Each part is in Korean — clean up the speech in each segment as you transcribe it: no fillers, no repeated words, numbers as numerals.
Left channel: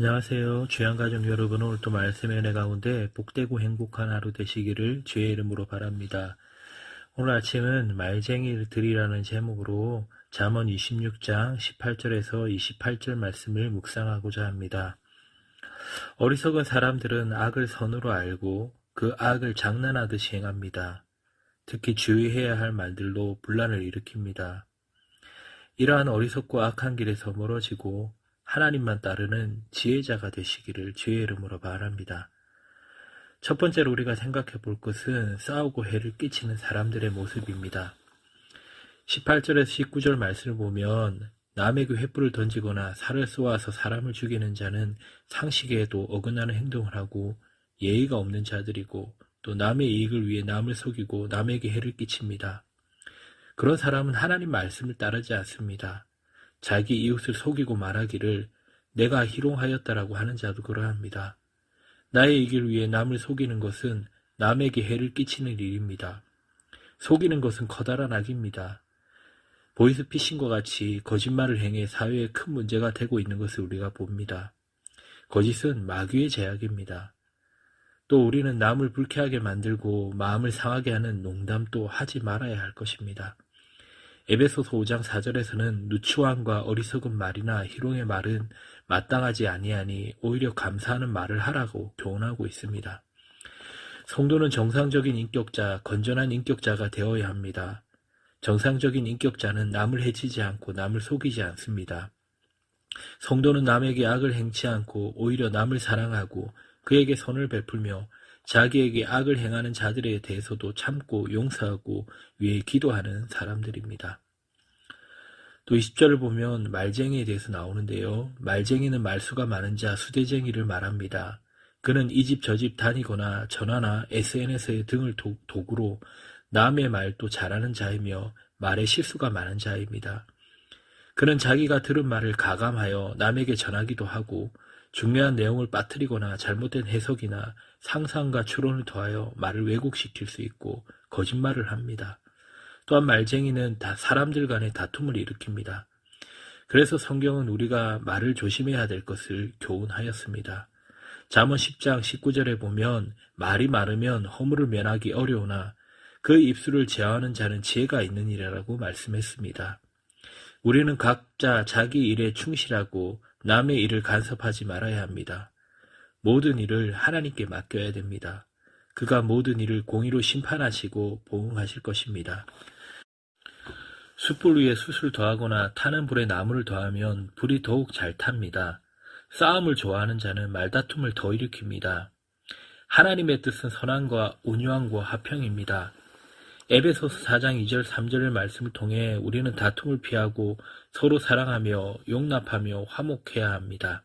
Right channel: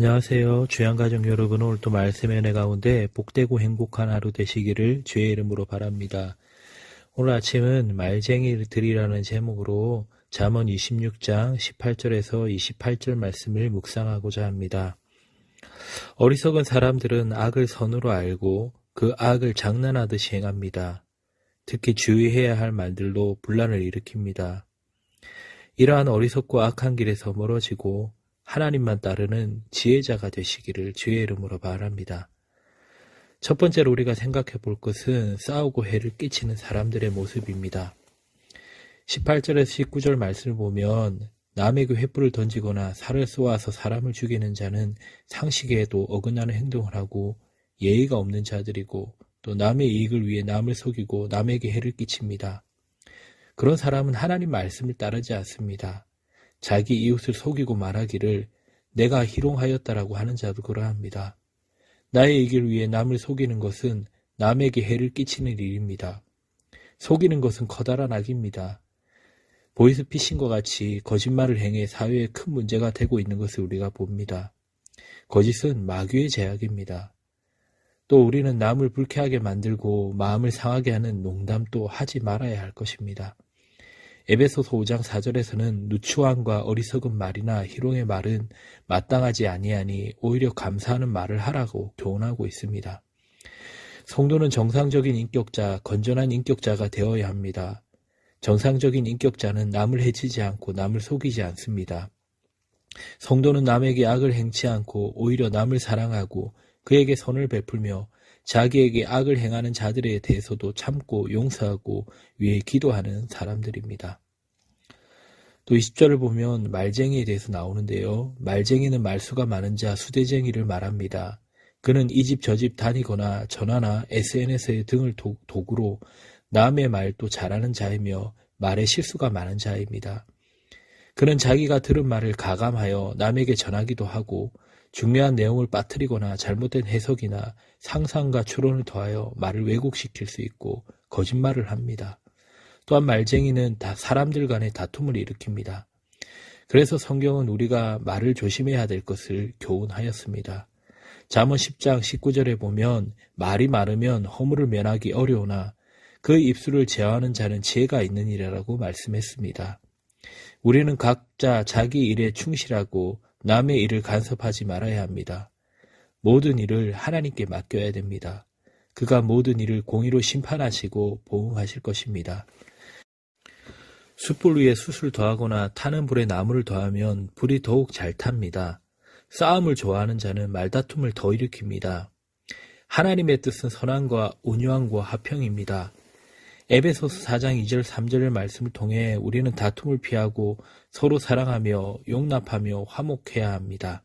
안녕하세요. 귀한 가족 여러분, 오늘 또 말씀의 은혜 가운데 복되고 행복한 하루 되시기를 주의 이름으로 바랍니다. 오늘 아침은 말쟁이들이라는 제목으로 잠언 26장 18절에서 28절 말씀을 묵상하고자 합니다. 어리석은 사람들은 악을 선으로 알고 그 악을 장난하듯이 행합니다. 특히 주의해야 할 말들로 분란을 일으킵니다. 이러한 어리석고 악한 길에서 멀어지고 하나님만 따르는 지혜자가 되시기를 주의 이름으로 바랍니다. 첫 번째로 우리가 생각해 볼 것은 싸우고 해를 끼치는 사람들의 모습입니다. 18절에서 19절 말씀을 보면 남에게 횃불을 던지거나 살을 쏘아서 사람을 죽이는 자는 상식에도 어긋나는 행동을 하고 예의가 없는 자들이고 또 남의 이익을 위해 남을 속이고 남에게 해를 끼칩니다. 그런 사람은 하나님 말씀을 따르지 않습니다. 자기 이웃을 속이고 말하기를 내가 희롱하였다라고 하는 자도 그러합니다. 나의 이익을 위해 남을 속이는 것은 남에게 해를 끼치는 일입니다. 속이는 것은 커다란 악입니다. 보이스피싱과 같이 거짓말을 행해 사회에 큰 문제가 되고 있는 것을 우리가 봅니다. 거짓은 마귀의 제약입니다. 또 우리는 남을 불쾌하게 만들고 마음을 상하게 하는 농담도 하지 말아야 할 것입니다. 에베소서 5장 4절에서는 누추함과 어리석은 말이나 희롱의 말은 마땅하지 아니하니 오히려 감사하는 말을 하라고 교훈하고 있습니다. 성도는 정상적인 인격자, 건전한 인격자가 되어야 합니다. 정상적인 인격자는 남을 해치지 않고 남을 속이지 않습니다. 성도는 남에게 악을 행치 않고 오히려 남을 사랑하고 그에게 선을 베풀며 자기에게 악을 행하는 자들에 대해서도 참고 용서하고 위해 기도하는 사람들입니다. 또 20절을 보면 말쟁이에 대해서 나오는데요. 말쟁이는 말수가 많은 자 수대쟁이를 말합니다. 그는 이 집 저 집 다니거나 전화나 SNS의 등을 도구로 남의 말도 잘하는 자이며 말에 실수가 많은 자입니다. 그는 자기가 들은 말을 가감하여 남에게 전하기도 하고 중요한 내용을 빠뜨리거나 잘못된 해석이나 상상과 추론을 더하여 말을 왜곡시킬 수 있고 거짓말을 합니다. 또한 말쟁이는 사람들 간의 다툼을 일으킵니다. 그래서 성경은 우리가 말을 조심해야 될 것을 교훈하였습니다. 잠언 10장 19절에 보면 말이 많으면 허물을 면하기 어려우나 그 입술을 제어하는 자는 지혜가 있느니라라고 말씀했습니다. 우리는 각자 자기 일에 충실하고 남의 일을 간섭하지 말아야 합니다. 모든 일을 하나님께 맡겨야 됩니다. 그가 모든 일을 공의로 심판하시고 보응하실 것입니다. 숯불 위에 숯을 더하거나 타는 불에 나무를 더하면 불이 더욱 잘 탑니다. 싸움을 좋아하는 자는 말다툼을 더 일으킵니다. 하나님의 뜻은 선함과 온유함과 화평입니다. 에베소서 4장 2절 3절의 말씀을 통해 우리는 다툼을 피하고 서로 사랑하며 용납하며 화목해야 합니다.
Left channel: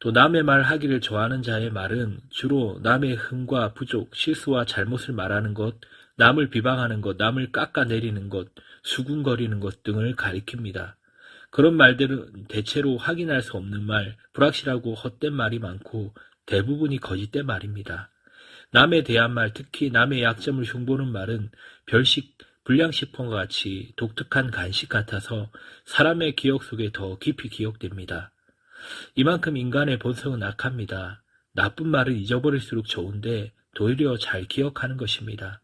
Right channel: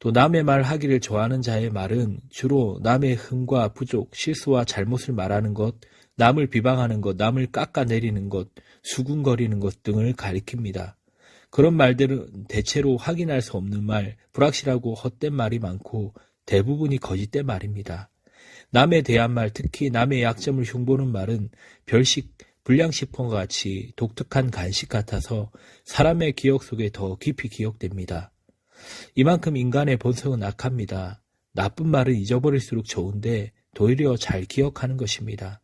또 남의 말 하기를 좋아하는 자의 말은 주로 남의 흠과 부족, 실수와 잘못을 말하는 것, 남을 비방하는 것, 남을 깎아내리는 것, 수군거리는 것 등을 가리킵니다. 그런 말들은 대체로 확인할 수 없는 말, 불확실하고 헛된 말이 많고 대부분이 거짓된 말입니다. 남에 대한 말, 특히 남의 약점을 흉보는 말은 별식, 불량식품과 같이 독특한 간식 같아서 사람의 기억 속에 더 깊이 기억됩니다. 이만큼 인간의 본성은 악합니다. 나쁜 말은 잊어버릴수록 좋은데 도리어 잘 기억하는 것입니다.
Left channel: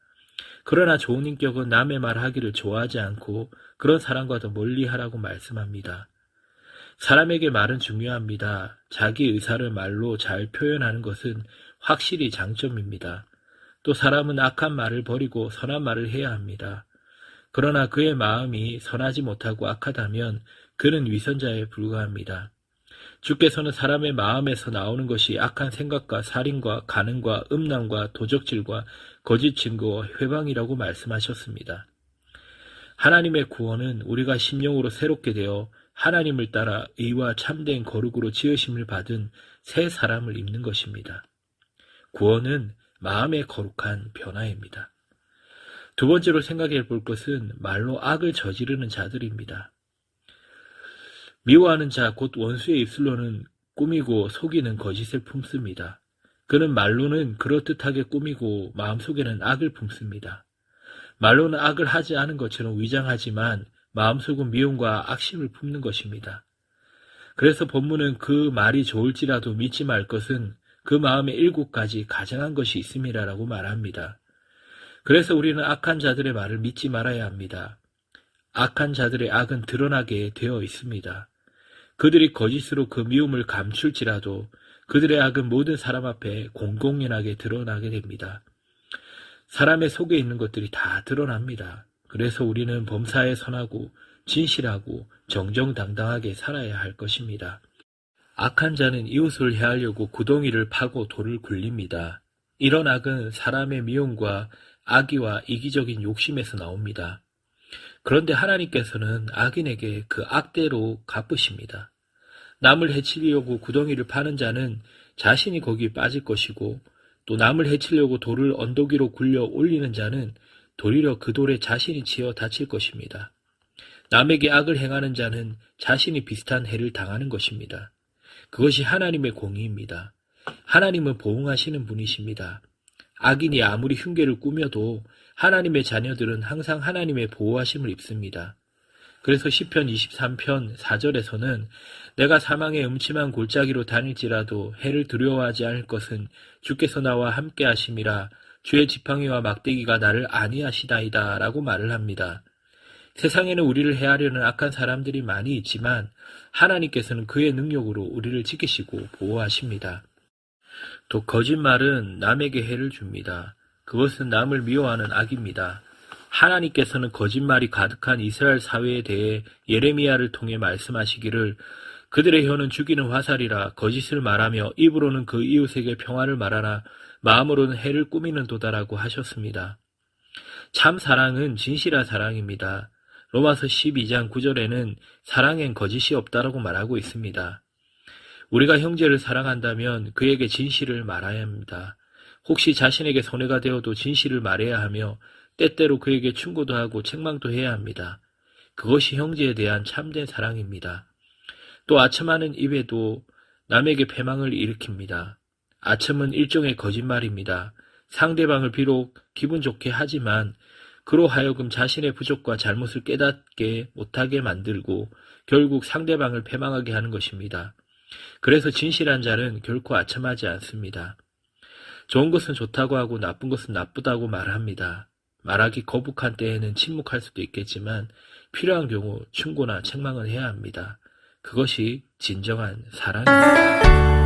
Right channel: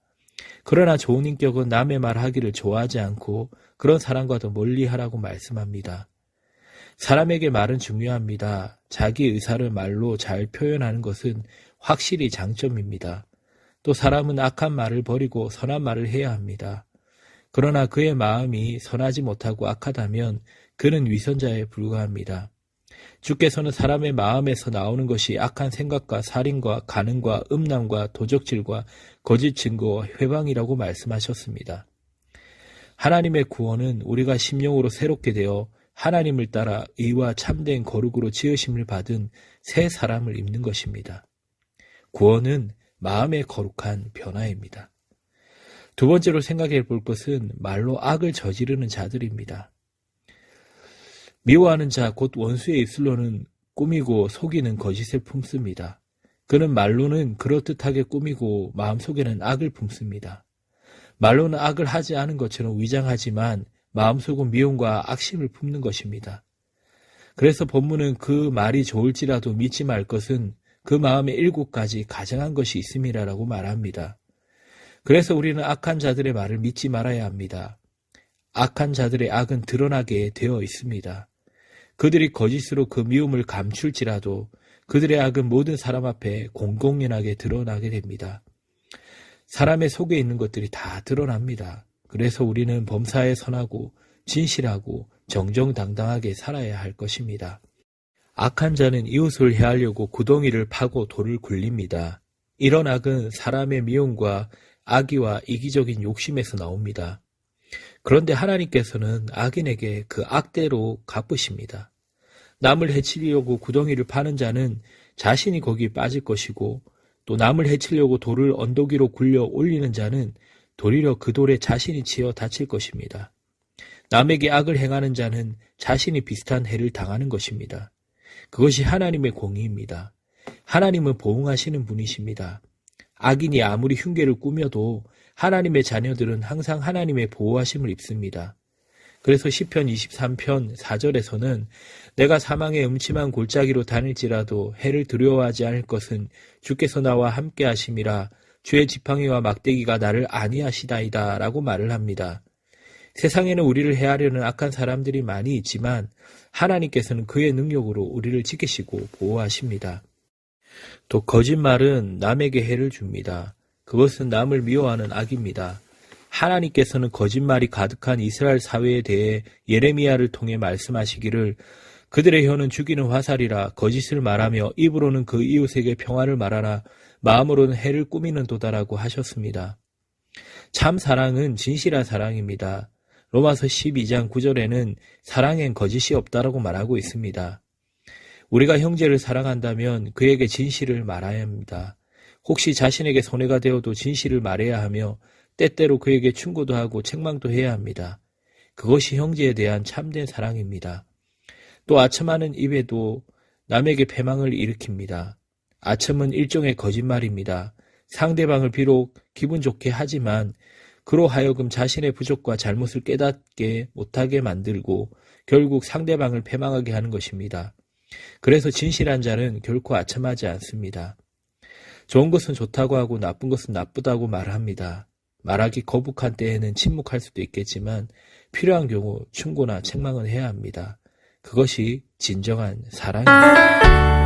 그러나 좋은 인격은 남의 말하기를 좋아하지 않고 그런 사람과 더 멀리하라고 말씀합니다. 사람에게 말은 중요합니다. 자기 의사를 말로 잘 표현하는 것은 확실히 장점입니다. 또 사람은 악한 말을 버리고 선한 말을 해야 합니다. 그러나 그의 마음이 선하지 못하고 악하다면 그는 위선자에 불과합니다. 주께서는 사람의 마음에서 나오는 것이 악한 생각과 살인과 간음과 음란과 도적질과 거짓 증거와 회방이라고 말씀하셨습니다. 하나님의 구원은 우리가 심령으로 새롭게 되어 하나님을 따라 의와 참된 거룩으로 지으심을 받은 새 사람을 입는 것입니다. 구원은 마음의 거룩한 변화입니다. 두 번째로 생각해 볼 것은 말로 악을 저지르는 자들입니다. 미워하는 자, 곧 원수의 입술로는 꾸미고 속이는 거짓을 품습니다. 그는 말로는 그럴듯하게 꾸미고 마음속에는 악을 품습니다. 말로는 악을 하지 않은 것처럼 위장하지만 마음속은 미움과 악심을 품는 것입니다. 그래서 본문은 그 말이 좋을지라도 믿지 말 것은 그 마음에 7가지 가증한 것이 있음이라고 말합니다. 그래서 우리는 악한 자들의 말을 믿지 말아야 합니다. 악한 자들의 악은 드러나게 되어 있습니다. 그들이 거짓으로 그 미움을 감출지라도 그들의 악은 모든 사람 앞에 공공연하게 드러나게 됩니다. 사람의 속에 있는 것들이 다 드러납니다. 그래서 우리는 범사에 선하고 진실하고 정정당당하게 살아야 할 것입니다. 악한 자는 이웃을 해하려고 구덩이를 파고 돌을 굴립니다. 이런 악은 사람의 미움과 악의와 이기적인 욕심에서 나옵니다. 그런데 하나님께서는 악인에게 그 악대로 갚으십니다. 남을 해치려고 구덩이를 파는 자는 자신이 거기에 빠질 것이고, 또 남을 해치려고 돌을 언덕 위로 굴려 올리는 자는 도리어 그 돌에 자신이 치여 다칠 것입니다. 남에게 악을 행하는 자는 자신이 비슷한 해를 당하는 것입니다. 그것이 하나님의 공의입니다. 하나님은 보응하시는 분이십니다. 악인이 아무리 흉계를 꾸며도 하나님의 자녀들은 항상 하나님의 보호하심을 입습니다. 그래서 시편 23편 4절에서는 내가 사망의 음침한 골짜기로 다닐지라도 해를 두려워하지 않을 것은 주께서 나와 함께 하심이라 주의 지팡이와 막대기가 나를 안위하시다이다 라고 말을 합니다. 세상에는 우리를 해하려는 악한 사람들이 많이 있지만 하나님께서는 그의 능력으로 우리를 지키시고 보호하십니다. 또 거짓말은 남에게 해를 줍니다. 그것은 남을 미워하는 악입니다. 하나님께서는 거짓말이 가득한 이스라엘 사회에 대해 예레미야를 통해 말씀하시기를 그들의 혀는 죽이는 화살이라 거짓을 말하며 입으로는 그 이웃에게 평화를 말하나 마음으로는 해를 꾸미는 도다라고 하셨습니다. 참 사랑은 진실한 사랑입니다. 로마서 12장 9절에는 사랑엔 거짓이 없다라고 말하고 있습니다. 우리가 형제를 사랑한다면 그에게 진실을 말해야 합니다. 혹시 자신에게 손해가 되어도 진실을 말해야 하며 때때로 그에게 충고도 하고 책망도 해야 합니다. 그것이 형제에 대한 참된 사랑입니다. 또 아첨하는 입에도 남에게 패망을 일으킵니다. 아첨은 일종의 거짓말입니다. 상대방을 비록 기분 좋게 하지만 그로 하여금 자신의 부족과 잘못을 깨닫게 못하게 만들고 결국 상대방을 패망하게 하는 것입니다. 그래서 진실한 자는 결코 아첨하지 않습니다. 좋은 것은 좋다고 하고 나쁜 것은 나쁘다고 말합니다. 말하기 거북한 때에는 침묵할 수도 있겠지만 필요한 경우 충고나 책망은 해야 합니다. 그것이 진정한 사랑입니다.